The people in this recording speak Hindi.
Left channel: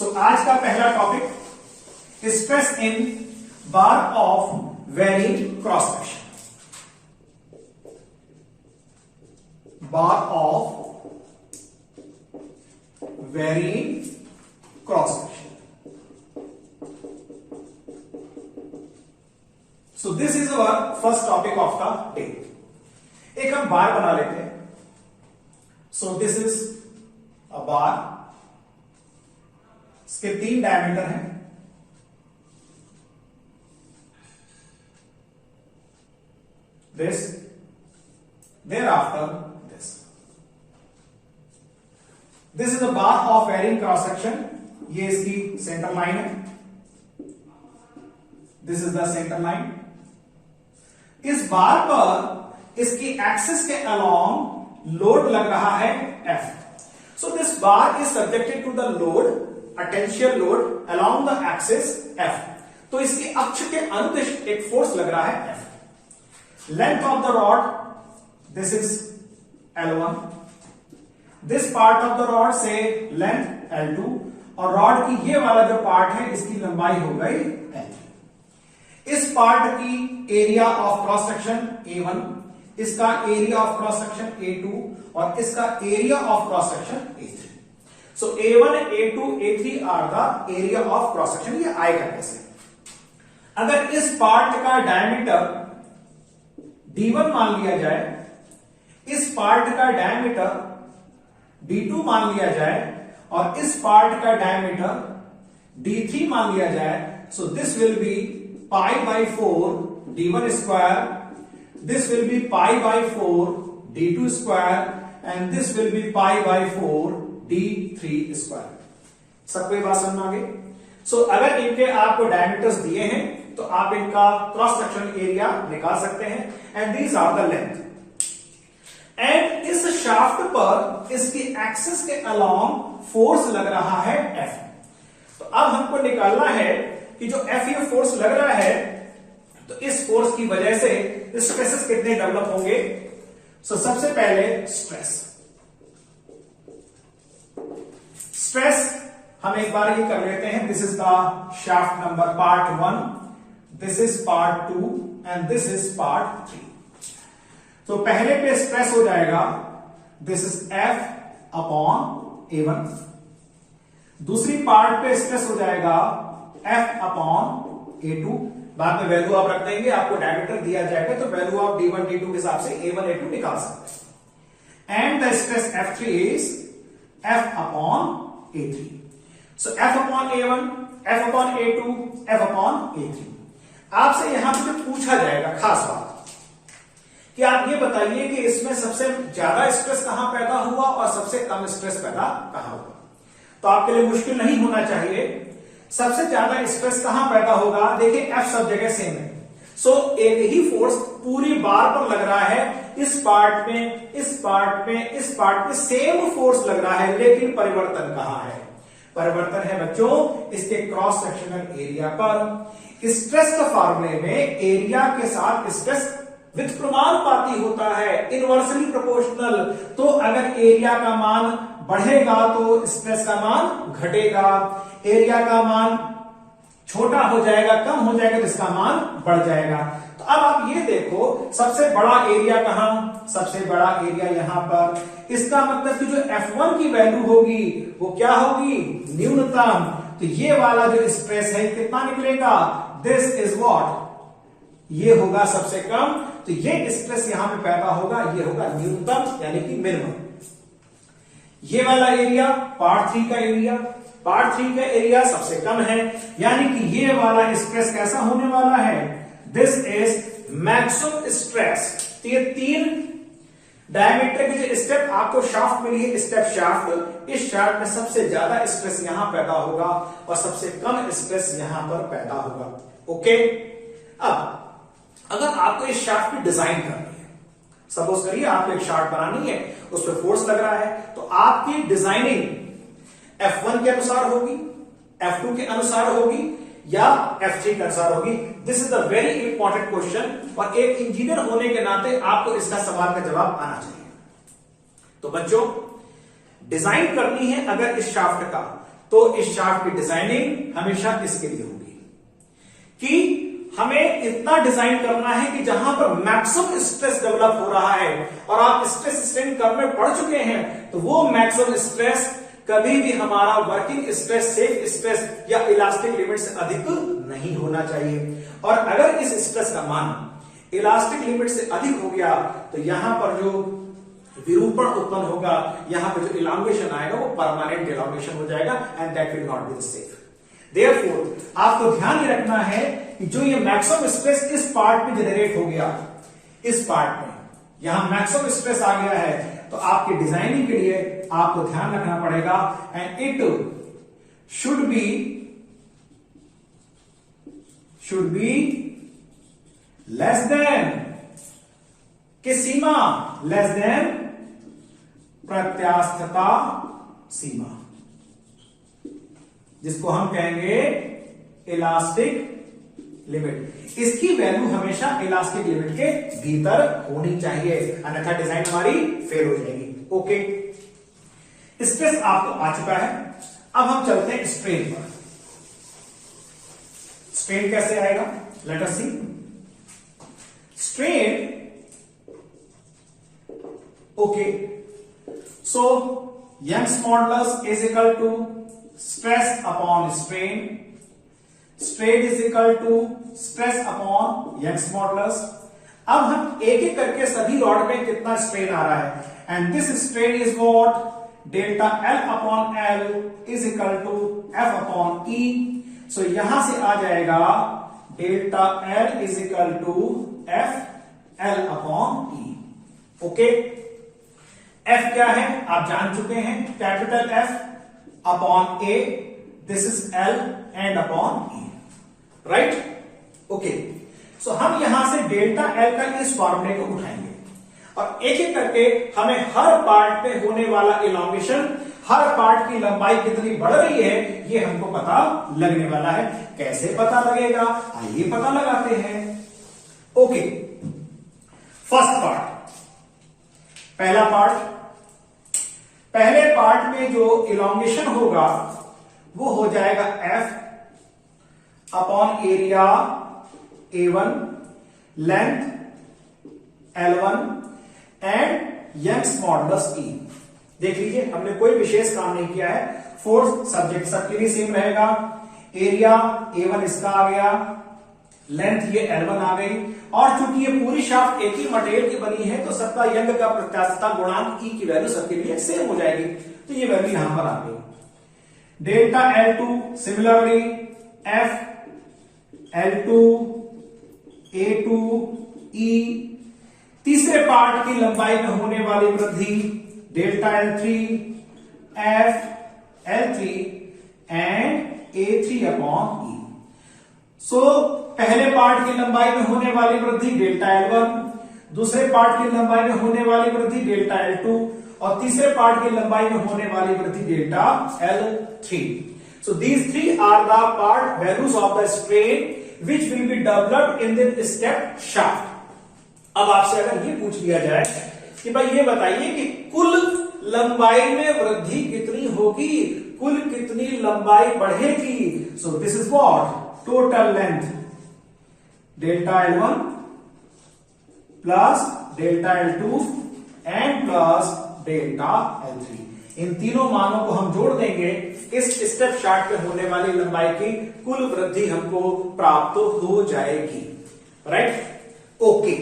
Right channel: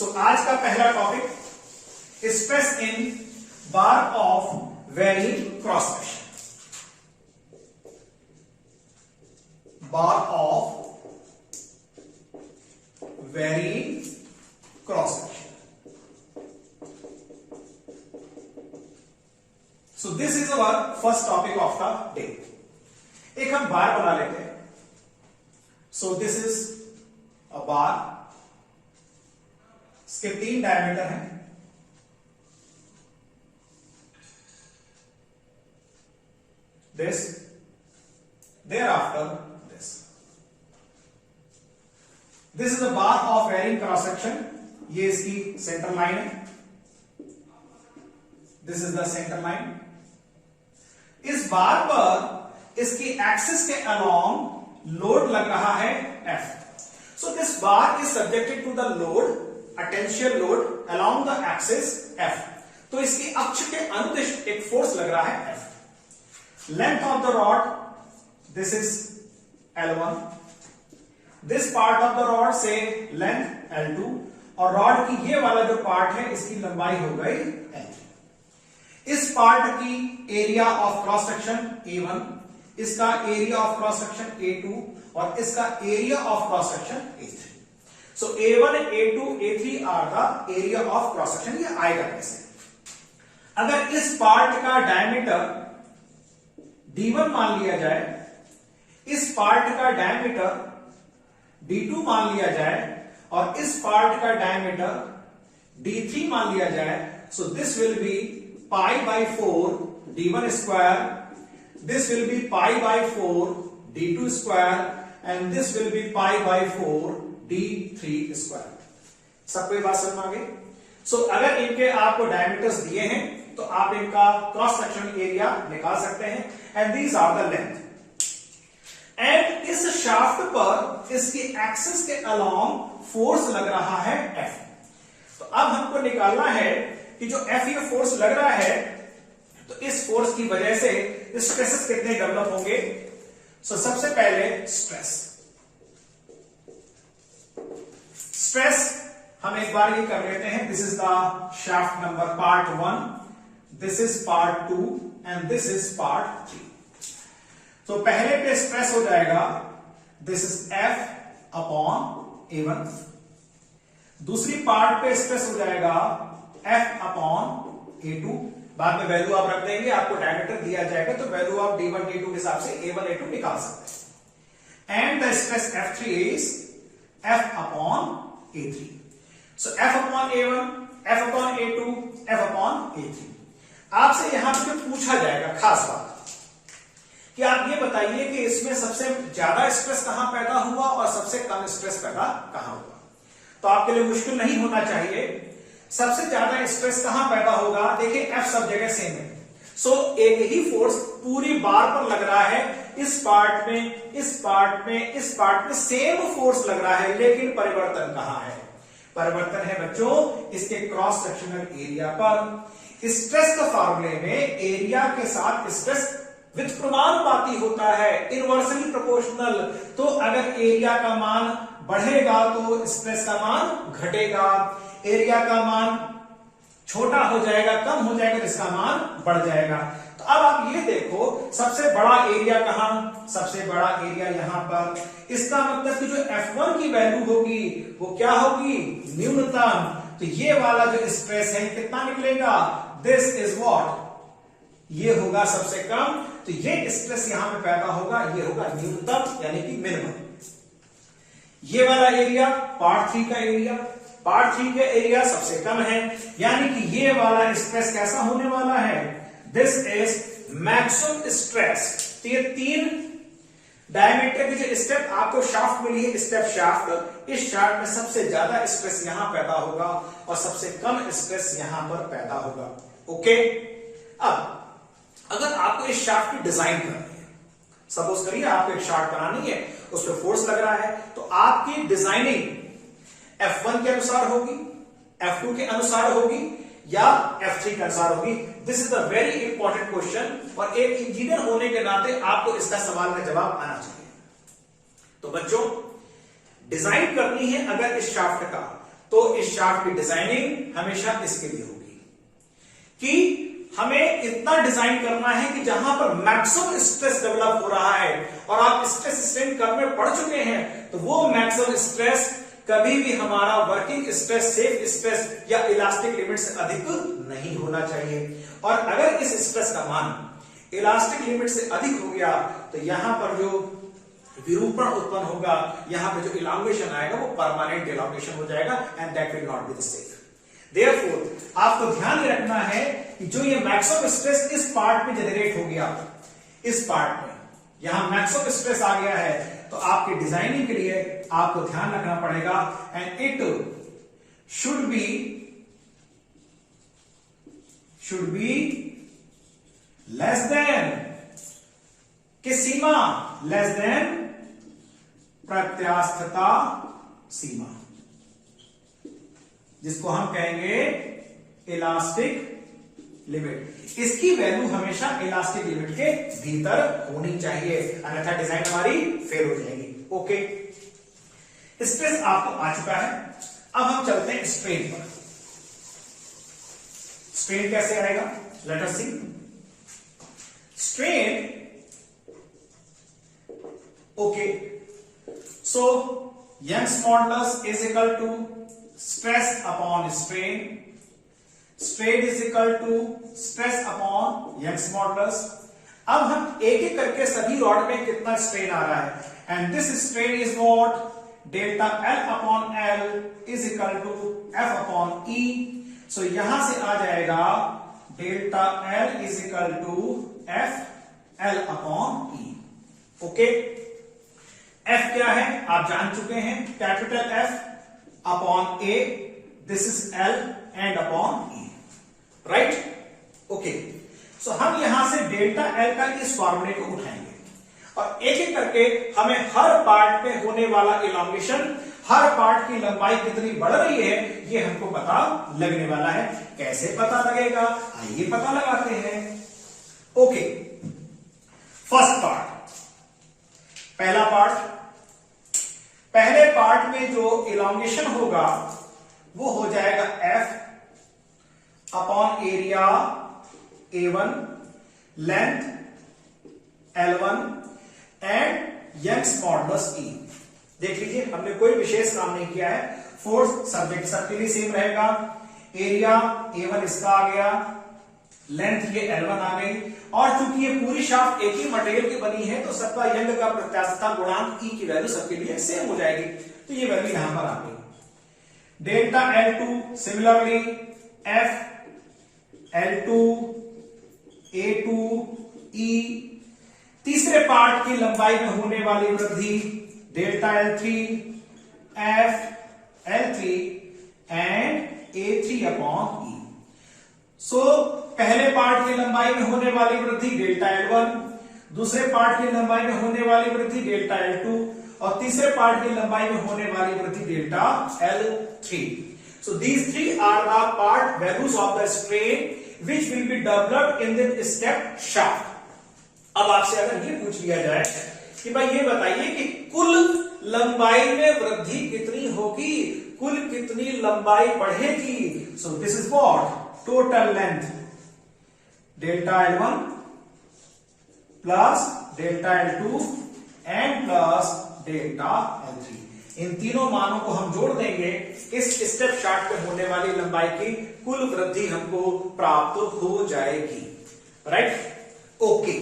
सो आज का पहला topic stress in bar of varying cross section. Bar of varying cross section. So this is our first topic of the day. एक हम बार बना लेते हैं। सो दिस इज अ बार, इसके 3 डायमीटर हैं। This, thereafter this. This is a bar of varying cross section. ये इसकी सेंटर लाइन है। This is the centre line. इस बार पर इसकी एक्सिस के अलोंग लोड लग रहा है F. So this bar is subjected to the load, a tensile load along the axis F. तो इसके अक्ष के अनुदिश एक फोर्स लग रहा है F. Length of the rod, this is L1. This part of the rod say length L2 और रॉड की ये वाला जो पार्ट है इसकी लंबाई हो गई L. इस पार्ट की area of cross section A1, इसका area of cross section A2 और इसका area of cross section A3. So A1, A2, A3 are the area of cross section. ये आएगा कैसे? अगर इस पार्ट का डायमीटर D1 मान लिया जाए, इस पार्ट का डायमीटर D2 मान लिया जाए और इस पार्ट का डायमीटर D3 मान लिया जाए, so this will be pi by 4 D1 square, this will be pi by 4 D2 square and this will be pi by 4 D3 square. सब कोई बात समझ आ गई? सो अगर इनके आपको डायमीटर्स दिए हैं तो आप इनका क्रॉस सेक्शन एरिया निकाल सकते हैं and these are the length. And इस शाफ्ट पर इसकी एक्सिस के अलोंग फोर्स लग रहा है F। तो अब हमको निकालना है कि जो F ये फोर्स लग रहा है, तो इस फोर्स की वजह से स्ट्रेसेस कितने डेवलप होंगे। सो सबसे पहले स्ट्रेस हम एक बार ये कर लेते हैं। This is the shaft number part 1, this is part 2 and this is part 3। तो पहले पे स्ट्रेस हो जाएगा this is F upon A1, दूसरी पार्ट पे स्ट्रेस हो जाएगा F अपॉन A2। बाद में वैल्यू आप रख देंगे, आपको डायमीटर दिया जाएगा तो वैल्यू आप D1 D2 के हिसाब से A1 A2 निकाल सकते हैं। And the stress F3 is F upon A3। So F upon A1, F upon A2, F upon A3। आपसे यहां पे पूछा जाएगा खास बात कि आप ये बताइए कि इसमें सबसे ज्यादा स्ट्रेस कहां पैदा हुआ और सबसे कम स्ट्रेस पैदा कहां हुआ। तो आपके लिए मुश्किल नहीं होना चाहिए। सबसे ज्यादा स्ट्रेस कहां पैदा होगा? देखिए F सब जगह सेम है। सो एक ही फोर्स पूरी बार पर लग रहा है। इस पार्ट में, इस पार्ट में, इस पार्ट में सेम फोर्स लग रहा है, लेकिन परिवर्तन कहां है? परिवर्तन है बच्चों इसके क्रॉस सेक्शनल एरिया पर। स्ट्रेस के फॉर्मूले में एरिया के साथ स्ट्रेस विथ प्रमानुपाती होता है, इनवर्सली प्रोपोर्शनल। तो अगर एरिया का मान बढ़ेगा तो स्ट्रेस का मान घटेगा, एरिया का मान छोटा हो जाएगा, कम हो जाएगा तो इसका मान बढ़ जाएगा। तो अब आप ये देखो सबसे बड़ा एरिया कहां? सबसे बड़ा एरिया यहां पर। इसका मतलब कि जो F1 की वैल्यू होगी वो क्या होगी? न्यूनतम। तो ये वाला जो स्ट्रेस है कितना निकलेगा? This is what? ये होगा सबसे कम। तो ये स्ट्रेस यहां पे पैदा होगा, ये होगा न्यूनतम यानी कि मिनिमम। ये वाला एरिया पार्ट 3 का एरिया, पार्ट 3 का एरिया सबसे कम है, यानी कि ये वाला स्ट्रेस कैसा होने वाला है? This is maximum stress. तो ये 3 डायमीटर की जो स्टेप आपको शाफ्ट मिली है, स्टेप शाफ्ट, इस शाफ्ट में सबसे ज्यादा स्ट्रेस यहां पैदा होगा और सबसे कम स्ट्रेस यहां पर पैदा होगा। ओके, अब अगर आपको इस शाफ्ट की डिजाइन करनी है, सपोज करिए आपको एक शाफ्ट बनानी है, उस पर फोर्स लग रहा है, तो आपकी डिजाइनिंग F1 के अनुसार होगी, F2 के अनुसार होगी या F3 के अनुसार होगी। This is the very important question और एक इंजीनियर होने के नाते आपको इसका सवाल का जवाब आना चाहिए। तो बच्चों डिजाइन करनी है अगर इस शाफ्ट का, तो इस शाफ्ट की डिजाइनिंग हमेशा इसके लिए होगी कि हमें इतना डिजाइन करना है कि जहां पर मैक्सिमम स्ट्रेस डेवलप हो रहा है और आप स्ट्रेस स्ट्रेन करने पड़ चुके हैं, तो वो मैक्सिमम स्ट्रेस कभी भी हमारा वर्किंग स्ट्रेस, सेफ स्ट्रेस या इलास्टिक लिमिट से अधिक नहीं होना चाहिए। और अगर इस स्ट्रेस का मान इलास्टिक लिमिट से अधिक हो गया तो यहां पर जो विरूपण उत्पन्न होगा, यहां पे जो इलांगेशन आएगा वो परमानेंट इलांगेशन हो जाएगा and that will not be safe. Therefore आपको ध्यान ये रखना है कि जो ये मैक्सिमम स्ट्रेस इस पार्ट में जनरेट हो गया, इस पार्ट में यहां मैक्सिमम स्ट्रेस आ गया है, तो आपकी डिजाइनिंग के लिए आपको ध्यान रखना पड़ेगा and it should be less than किस सीमा, लेस देन प्रत्यास्थता सीमा, जिसको हम कहेंगे इलास्टिक लिमिट। इसकी वैल्यू हमेशा इलास्टिक लिमिट के भीतर होनी चाहिए, अन्यथा डिजाइन हमारी फेल हो जाएगी। ओके, स्ट्रेस आपको आ चुका है। अब हम चलते हैं स्ट्रेन पर। स्ट्रेन कैसे आएगा, let us see. Strain, okay, so Young's modulus is equal to stress upon strain, strain is equal to stress upon Young's modulus. अब हम एक एक करके सभी रॉड में कितना स्ट्रेन आ रहा है, and this strain is what, delta L upon L is equal to F upon E. So यहां से आ जाएगा delta L is equal to F L upon E. Okay, F क्या है आप जान चुके हैं, capital F upon A, this is L and upon E, right. Okay, so हम यहां से डेल्टा एल का इस फॉर्मूले को उठाएंगे और एक एक करके हमें हर पार्ट में होने वाला इलांगेशन, हर पार्ट की लंबाई कितनी बढ़ रही है, ये हमको पता लगने वाला है। कैसे पता लगेगा, आइए पता लगाते हैं। ओके, फर्स्ट पार्ट, पहला पार्ट, पहले पार्ट में जो इलांगेशन होगा वो हो जाएगा F upon area A1, length L1 and Young's modulus E। देख लीजिए, हमने कोई विशेष काम नहीं किया है, फोर्स सब्जेक्ट सबके लिए सेम रहेगा। एरिया A1 इसका आ गया, लेंथ ये L1 आ गई, और चूंकि ये पूरी शाफ्ट एक ही मटेरियल की बनी है तो सबका यंग का प्रत्यास्थता गुणांक E की वैल्यू सबके लिए सेम हो जाएगी, तो ये वैल्यू यहां पर आ गई। Delta L2 similarly F L2 A2 E। तीसरे पार्ट की लंबाई में होने वाली वृद्धि delta L3 F L3 and A3 upon E। सो पहले पार्ट की लंबाई में होने वाली वृद्धि डेल्टा L1, दूसरे पार्ट की लंबाई में होने वाली वृद्धि डेल्टा L2 और तीसरे पार्ट की लंबाई में होने वाली वृद्धि delta L3। So these three are the part values of the strain which will be developed in the step shaft। अब आपसे अगर ये पूछ लिया जाए कि भाई ये बताइए कि कुल लंबाई में वृद्धि कितनी होगी, कुल कितनी लंबाई बढ़ेगी, सो this is what, total length delta L1 plus delta L2 and plus delta L3। इन तीनों मानों को हम जोड़ देंगे, इस स्टेप शाफ्ट में होने वाली लंबाई की कुल वृद्धि हमको प्राप्त हो जाएगी, राइट। ओके,